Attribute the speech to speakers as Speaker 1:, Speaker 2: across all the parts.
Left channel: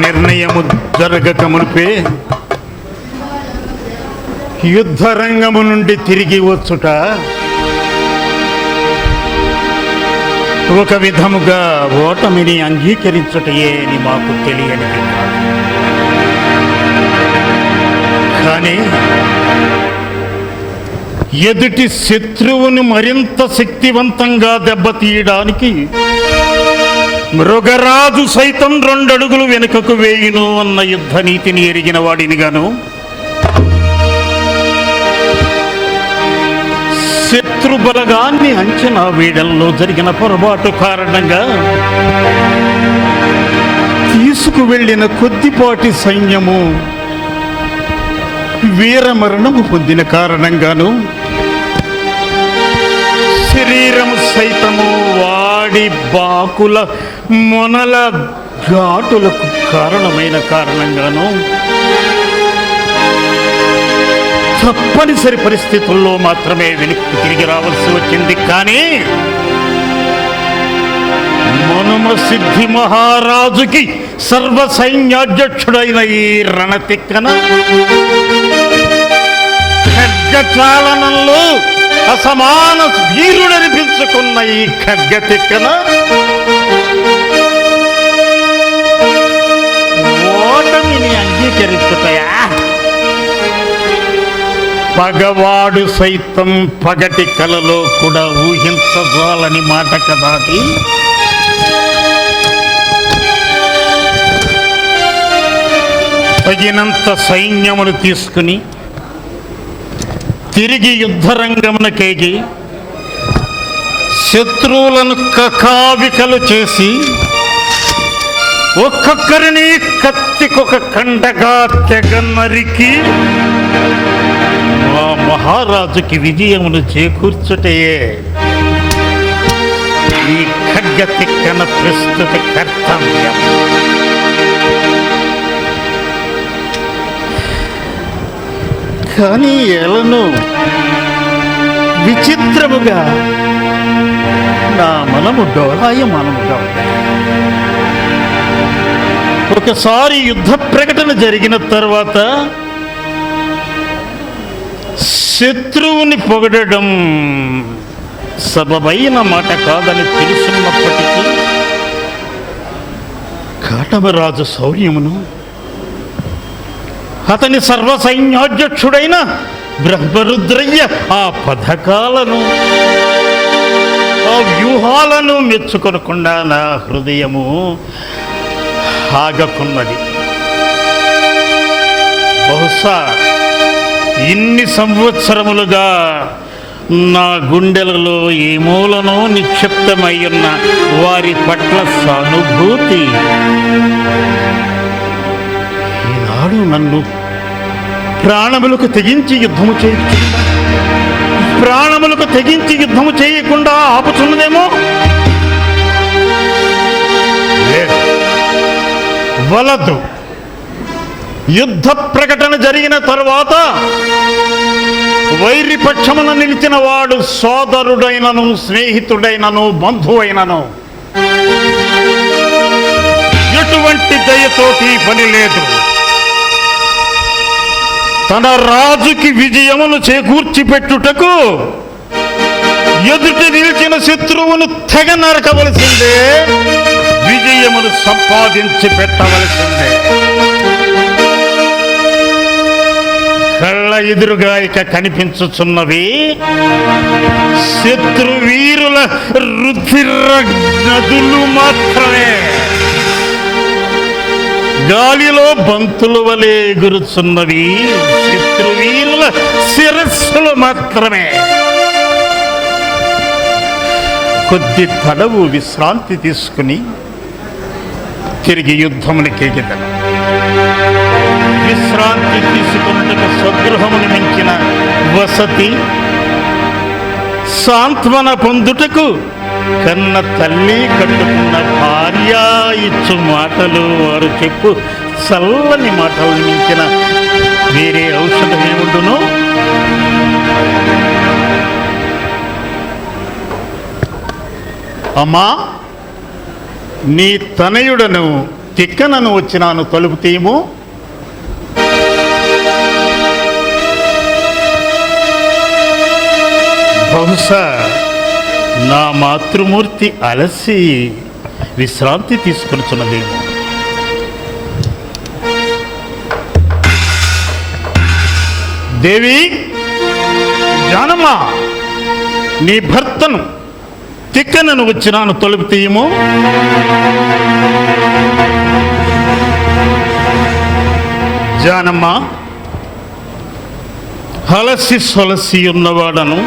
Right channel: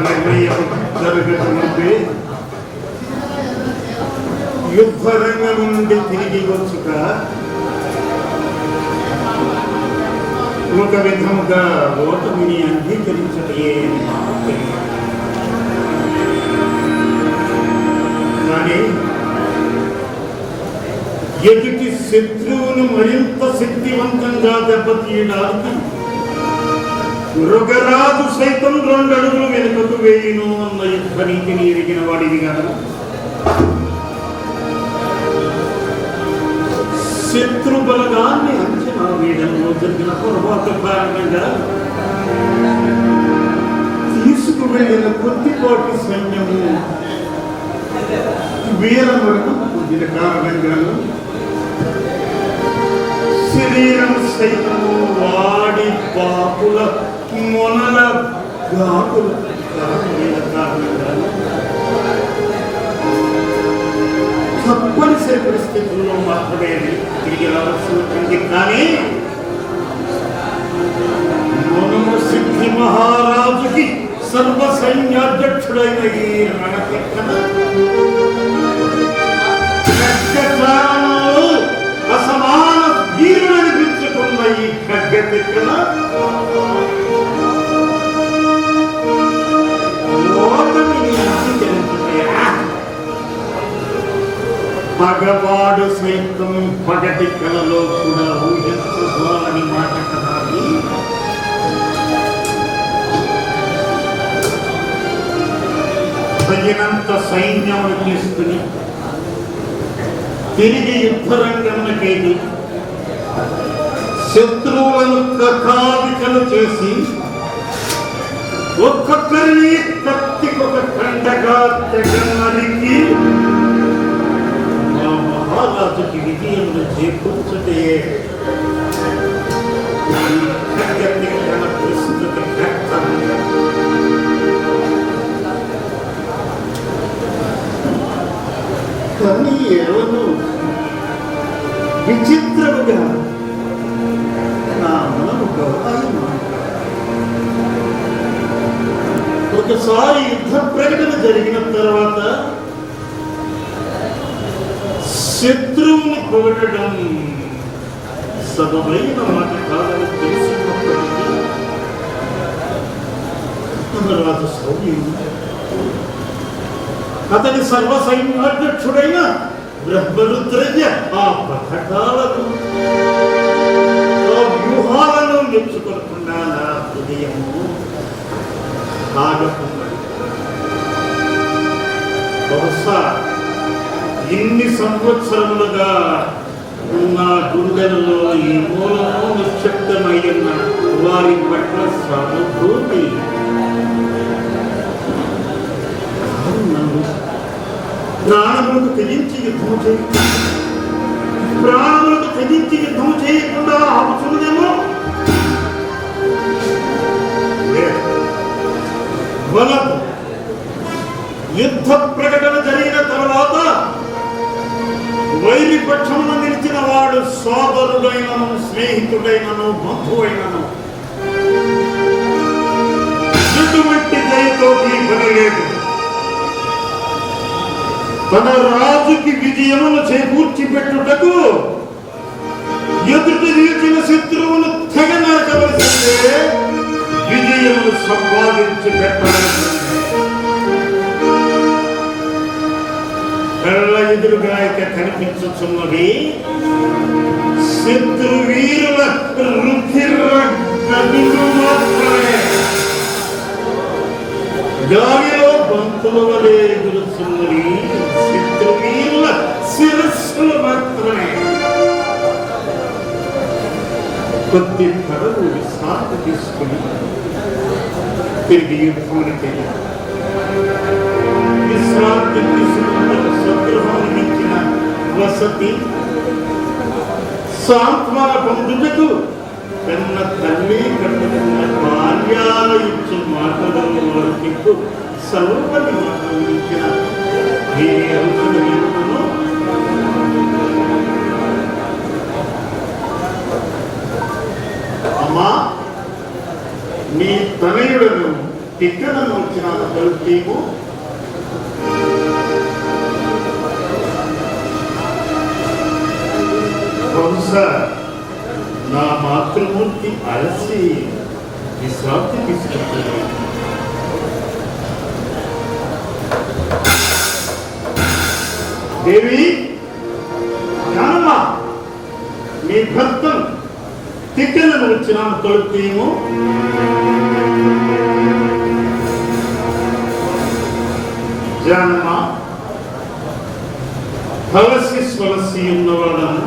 Speaker 1: నిర్ణయము జరగక మునిపే యుద్ధరంగము నుండి తిరిగి వచ్చుట ఒక విధముగా ఓటమిని అంగీకరించుటయే అని మాకు తెలియనిది కానీ ఎదుటి శత్రువును మరింత శక్తివంతంగా దెబ్బతీయడానికి మృగరాజు సైతం రెండడుగులు వెనుకకు వేయును అన్న యుద్ధ నీతిని ఎరిగిన వాడిని గాను. శత్రు అంచనా వేయడంలో జరిగిన పొరపాటు కారణంగా తీసుకువెళ్ళిన కొద్దిపాటి సైన్యము వీరమరణము పొందిన కారణంగాను శరీరం సైతము వాడి బాకుల మొనల ఘాటులకు కారణమైన కారణంగాను తప్పనిసరి పరిస్థితుల్లో మాత్రమే వెనక్కి తిరిగి రావాల్సి వచ్చింది. కానీ మనుమ సిద్ధి మహారాజుకి సర్వ సైన్యాధ్యక్షుడైన ఈ రణతిక్కన ఖడ్గచాలనంలో అసమాన వీరుడనిపించుకున్న ఈ ఖడ్గతిక్కన ఓటమిని పగవాడు సైతం పగటి కలలో కూడా ఊహించజాలని మాట కదాటి తగినంత సైన్యమును తీసుకుని తిరిగి యుద్ధరంగమునకేగి శత్రువులను కకావికలు చేసి ఒక్కొక్కరిని కత్తికొక కండగా తెగ నరికి మా మహారాజుకి విజయమును చేకూర్చుటయే ఈ ఖడ్గ తిక్కన ప్రస్తుత కర్తవ్యం కానీ ఎలను విచిత్రముగా నా మనము డోలాయమానముగా ఉంది. ఒకసారి యుద్ధ ప్రకటన జరిగిన తర్వాత శత్రువుని పొగడడం సబబైన మాట కాదని తెలుసున్నప్పటికీ కాటవరాజు శౌర్యమును అతని సర్వ సైన్యాధ్యక్షుడైన బ్రహ్మరుద్రయ్య ఆ పథకాలను ఆ వ్యూహాలను మెచ్చుకొనకుండా నా హృదయము. ఆగకున్నది బహుశా ఇన్ని సంవత్సరములుగా నా గుండెలలో ఏ మూలనో నిక్షిప్తమై ఉన్న వారి పట్ల సానుభూతి. ఈనాడు నన్ను ప్రాణములకు తెగించి యుద్ధము చేయ ప్రాణములకు తెగించి యుద్ధము చేయకుండా ఆపుచున్నదేమో? లేదు. వలదు యుద్ధ ప్రకటన జరిగిన తర్వాత వైరిపక్షమున నిలిచిన వాడు సోదరుడైనను స్నేహితుడైనను బంధువైనను. ఎటువంటి దయతోటి పని లేదు. తన రాజుకి విజయమును చేకూర్చి పెట్టుటకు ఎదుటి నిలిచిన శత్రువును తెగ నరకవలసిందే. విజయమును సంపాదించి పెట్టవలసిందే. కళ్ళ ఎదురుగా ఇక కనిపించుచున్నవి శత్రు వీరుల రుధిర గదులు మాత్రమే. గాలిలో బంతుల వలె ఎగురుచున్నవి శత్రు వీరుల శిరస్సులు మాత్రమే. కొద్ది పడవు విశ్రాంతి తీసుకుని తిరిగి యుద్ధమునికి ఎగిదాను విశ్రాంతి తీసుకున్నక స్వగృహమును మించిన వసతి సాంత్వన పొందుటకు కన్న తల్లి కట్టుకున్న భార్య ఇచ్చు మాటలు వారు చెప్పు. చల్లని మాటలు మించిన వేరే ఔషధం అమ్మా నీ తనయుడను తిక్కనను వచ్చినాను తలుపు తీయము. బహుశా నా మాతృమూర్తి అలసి విశ్రాంతి తీసుకొచ్చున్నది. దేవి జానమ్మ నీ భర్తను తిక్కనను వచ్చినాను తొలుపు తీయము. జానమ్మ హలసి సొలసి ఉన్నవాడను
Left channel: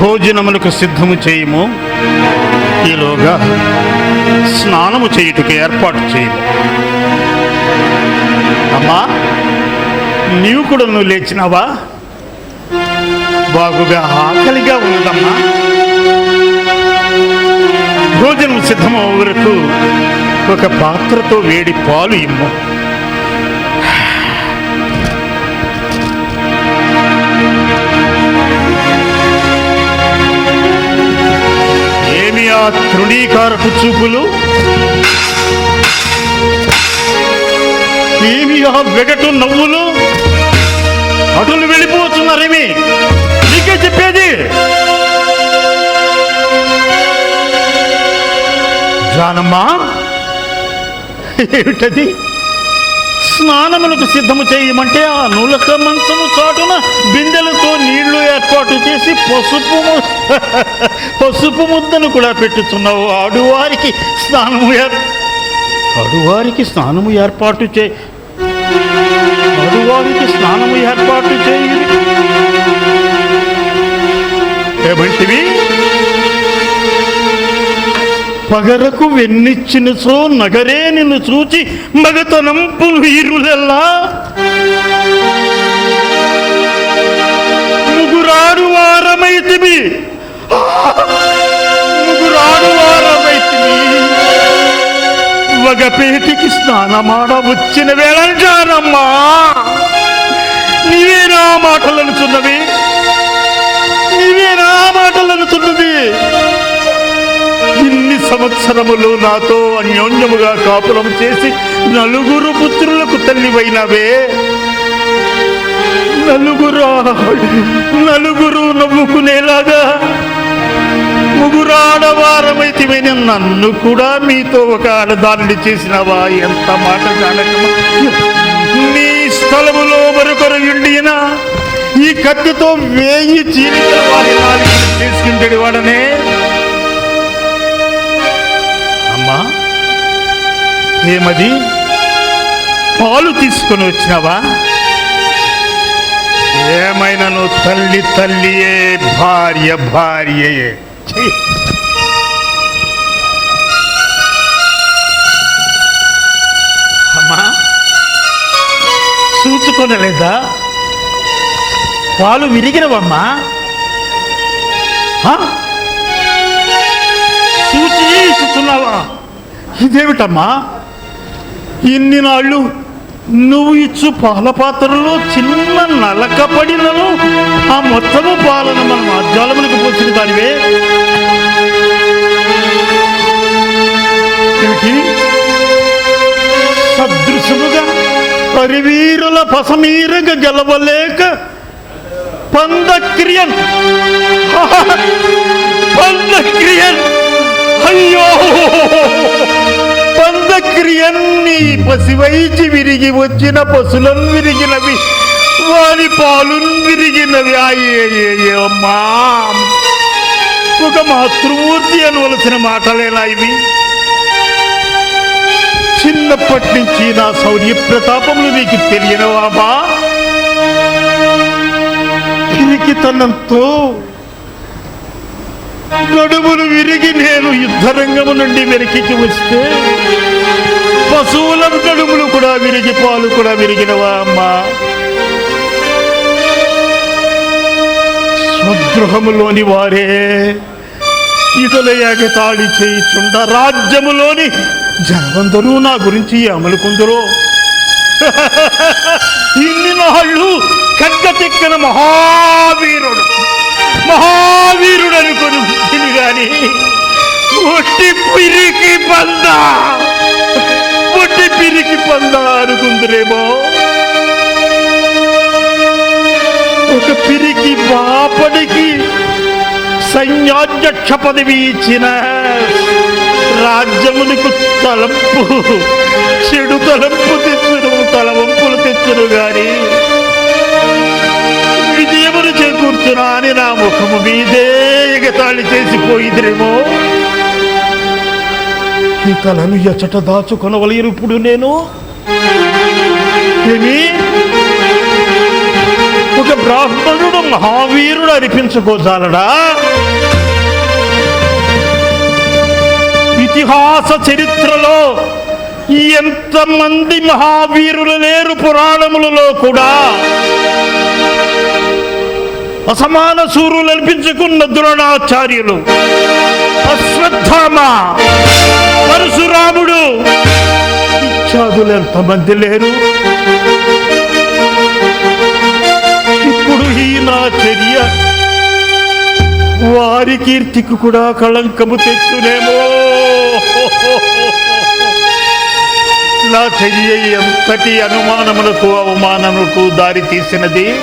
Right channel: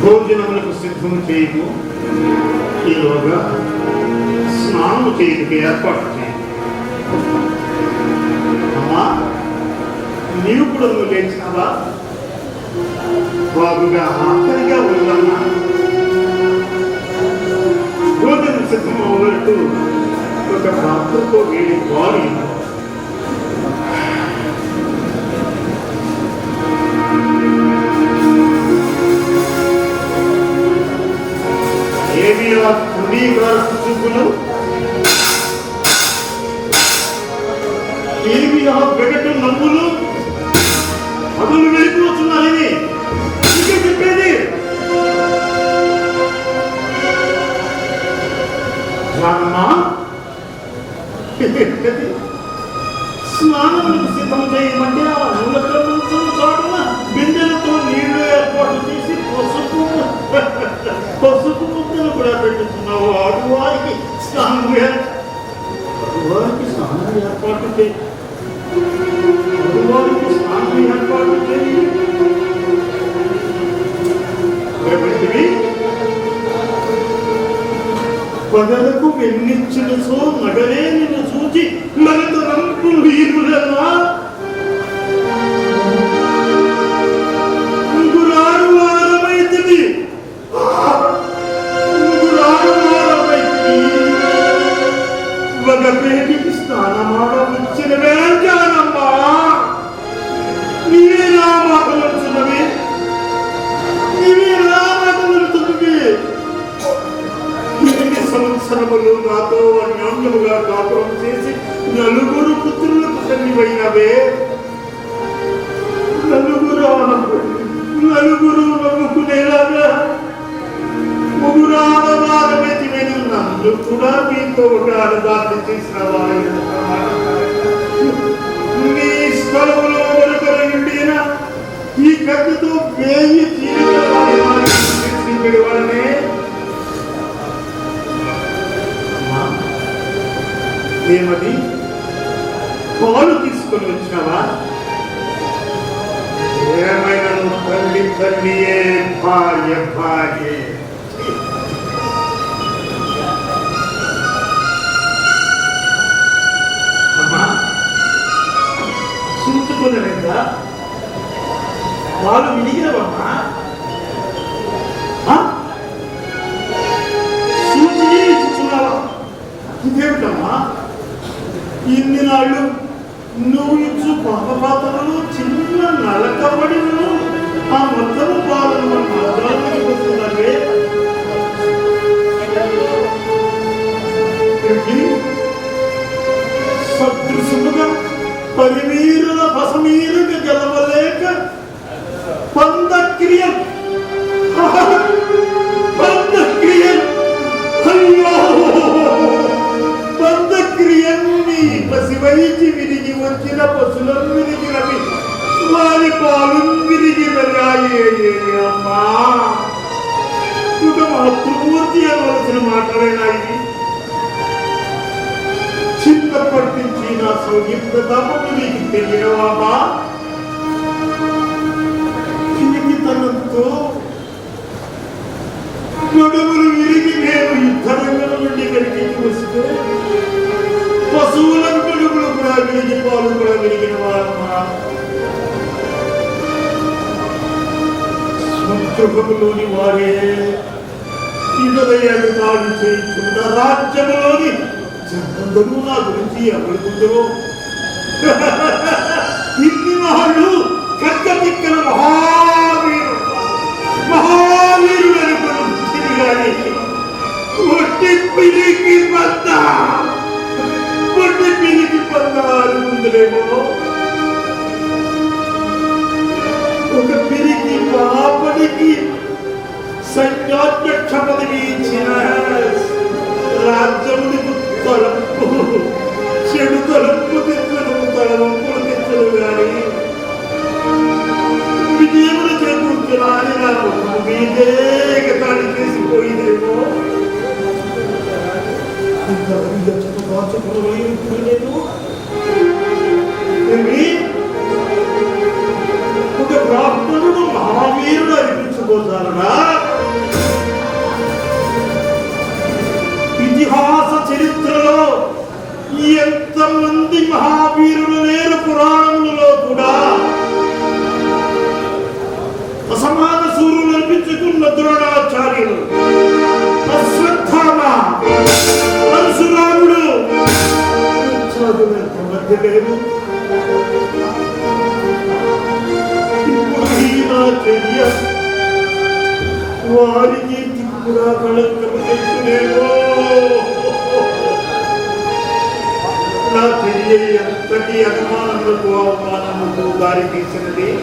Speaker 1: భోజనములకు సిద్ధము చేయము. ఈలోగా స్నానము చేయుటకు ఏర్పాటు చేయము. అమ్మా నీవు కూడా నువ్వు లేచినావా? బాగుగా ఆకలిగా ఉందమ్మా భోజనం సిద్ధమయ్యే వరకు ఒక పాత్రతో వేడి పాలు ఇమ్ము. ఏమి ఆ తృణీకారపు చూపులు? ఏమి ఆ వెగటు నవ్వులు? అడులు వెళ్ళిపోతున్నారేమి జానమ్మా ఏమిటది? స్నానములకు సిద్ధము చేయమంటే ఆ నూలక మంచము చాటున బిందెలతో నీళ్ళు ఏర్పాటు చేసి పసుపు పసుపు ముద్దను కూడా పెట్టుతున్నావు ఆడువారికి స్నానము ఏర్- ఆడువారికి స్నానము ఏర్పాటు చే ఆడువారికి స్నానము ఏర్పాటు చేయి. ఏమంటివి? పగలకు వెన్నిచ్చిన సో నగరే నిన్ను చూచి మగతనంపులు వీరులెల్లా ముగురాడు వారమైతివి ముగురాడు వారమైతివి వగపేటికి పేటికి స్నానమాడ వచ్చిన వేళ జానమ్మా. నీవే నా మాటలనుచున్నవి. నీవే సంవత్సరములు నాతో అన్యోన్యముగా కాపురం చేసి నలుగురు పుత్రులకు తల్లివైనవే. నలుగురు నలుగురు నవ్వుకునేలాగా ముగురాడవారమైతివైన నన్ను కూడా మీతో ఒక ఆడదాన్ని చేసినవా? ఎంత మాట జానకమా నీ స్థలములో మరొకరు ఇండినా ఈ కత్తితో వేయి చీలిక వారి వారిని చేసుకుంటాడు వాడనే. ఏమది పాలు తీసుకొని వచ్చినావా? ఏమైనాను తల్లి తల్లియే భార్య భార్యే! అమ్మా పాలు విరిగినవమ్మా. ఆ? చూచి ఇస్తున్నావా ఇదేమిటమ్మా? ఇన్ని నాళ్ళు నువ్వు ఇచ్చు పాల పాత్రలో చిన్న నలక పడినను ఆ మొత్తము పాలను మన మార్జాలములకు పూచిన దానివే. సదృశముగా పరివీరుల పసమీరుగా గెలవలేక పందక్రియన్. పందక్రియన్. అయ్యో! పసివైచి విరిగి వచ్చిన పశులను విరిగినవి వారి పాలు విరిగినవి అమ్మా. ఒక మాతృమూర్తి అనవలసిన మాటలేనా ఇవి. చిన్నప్పటి నుంచి నా శౌర్య ప్రతాపములు మీకు తెలియనవామా పిరికితనంతో నడుములు విరిగి నేను యుద్ధరంగము నుండి వెనక్కి వస్తే పశువుల నడుములు కూడా విరిగి పాలు కూడా విరిగినవా అమ్మా? స్వగృహములోని వారే ఇదులయ్యాక తాడి చేయిచుండ రాజ్యములోని జనవందరూ నా గురించి అమలుకుందరో. ఇన్ని నాళ్ళు కక్కతిక్కన మహావీరుడు మహావీరుడు అనుకుని గాని ఒట్టి పిరికి పద్దా చేతురేమో ఒక పిరికి బాపడికి సైన్యాధ్యక్ష పదవి ఇచ్చిన రాజ్యమునికి తలంపు చెడు తలంపు తెచ్చును తలవంపులు తెచ్చును గాని విజయమును చేకూర్చునా అని నా ముఖము మీదే ఎగతాళి చేసిపోయిందిరేమో నీ తలను ఎచ్చట దాచుకొనవలేరు ఇప్పుడు నేను? ఏమి? ఒక బ్రాహ్మణుడు మహావీరుడు అనిపించుకోసాలడా ఇతిహాస చరిత్రలో ఎంతమంది మహావీరులు లేరు పురాణములలో కూడా? అసమాన సూర్యులు అనిపించుకున్న ద్రోణాచార్యులు అశ్వత్థామ పరశురాముడు. ఇత్యాదులు ఎంతమంది లేరు. ఇప్పుడు ఈ నా చర్య. వారి కీర్తికి కూడా కళంకము తెచ్చునేమో. నా చర్య ఎంతటి అనుమానములకు అవమానములకు దారి తీసినది?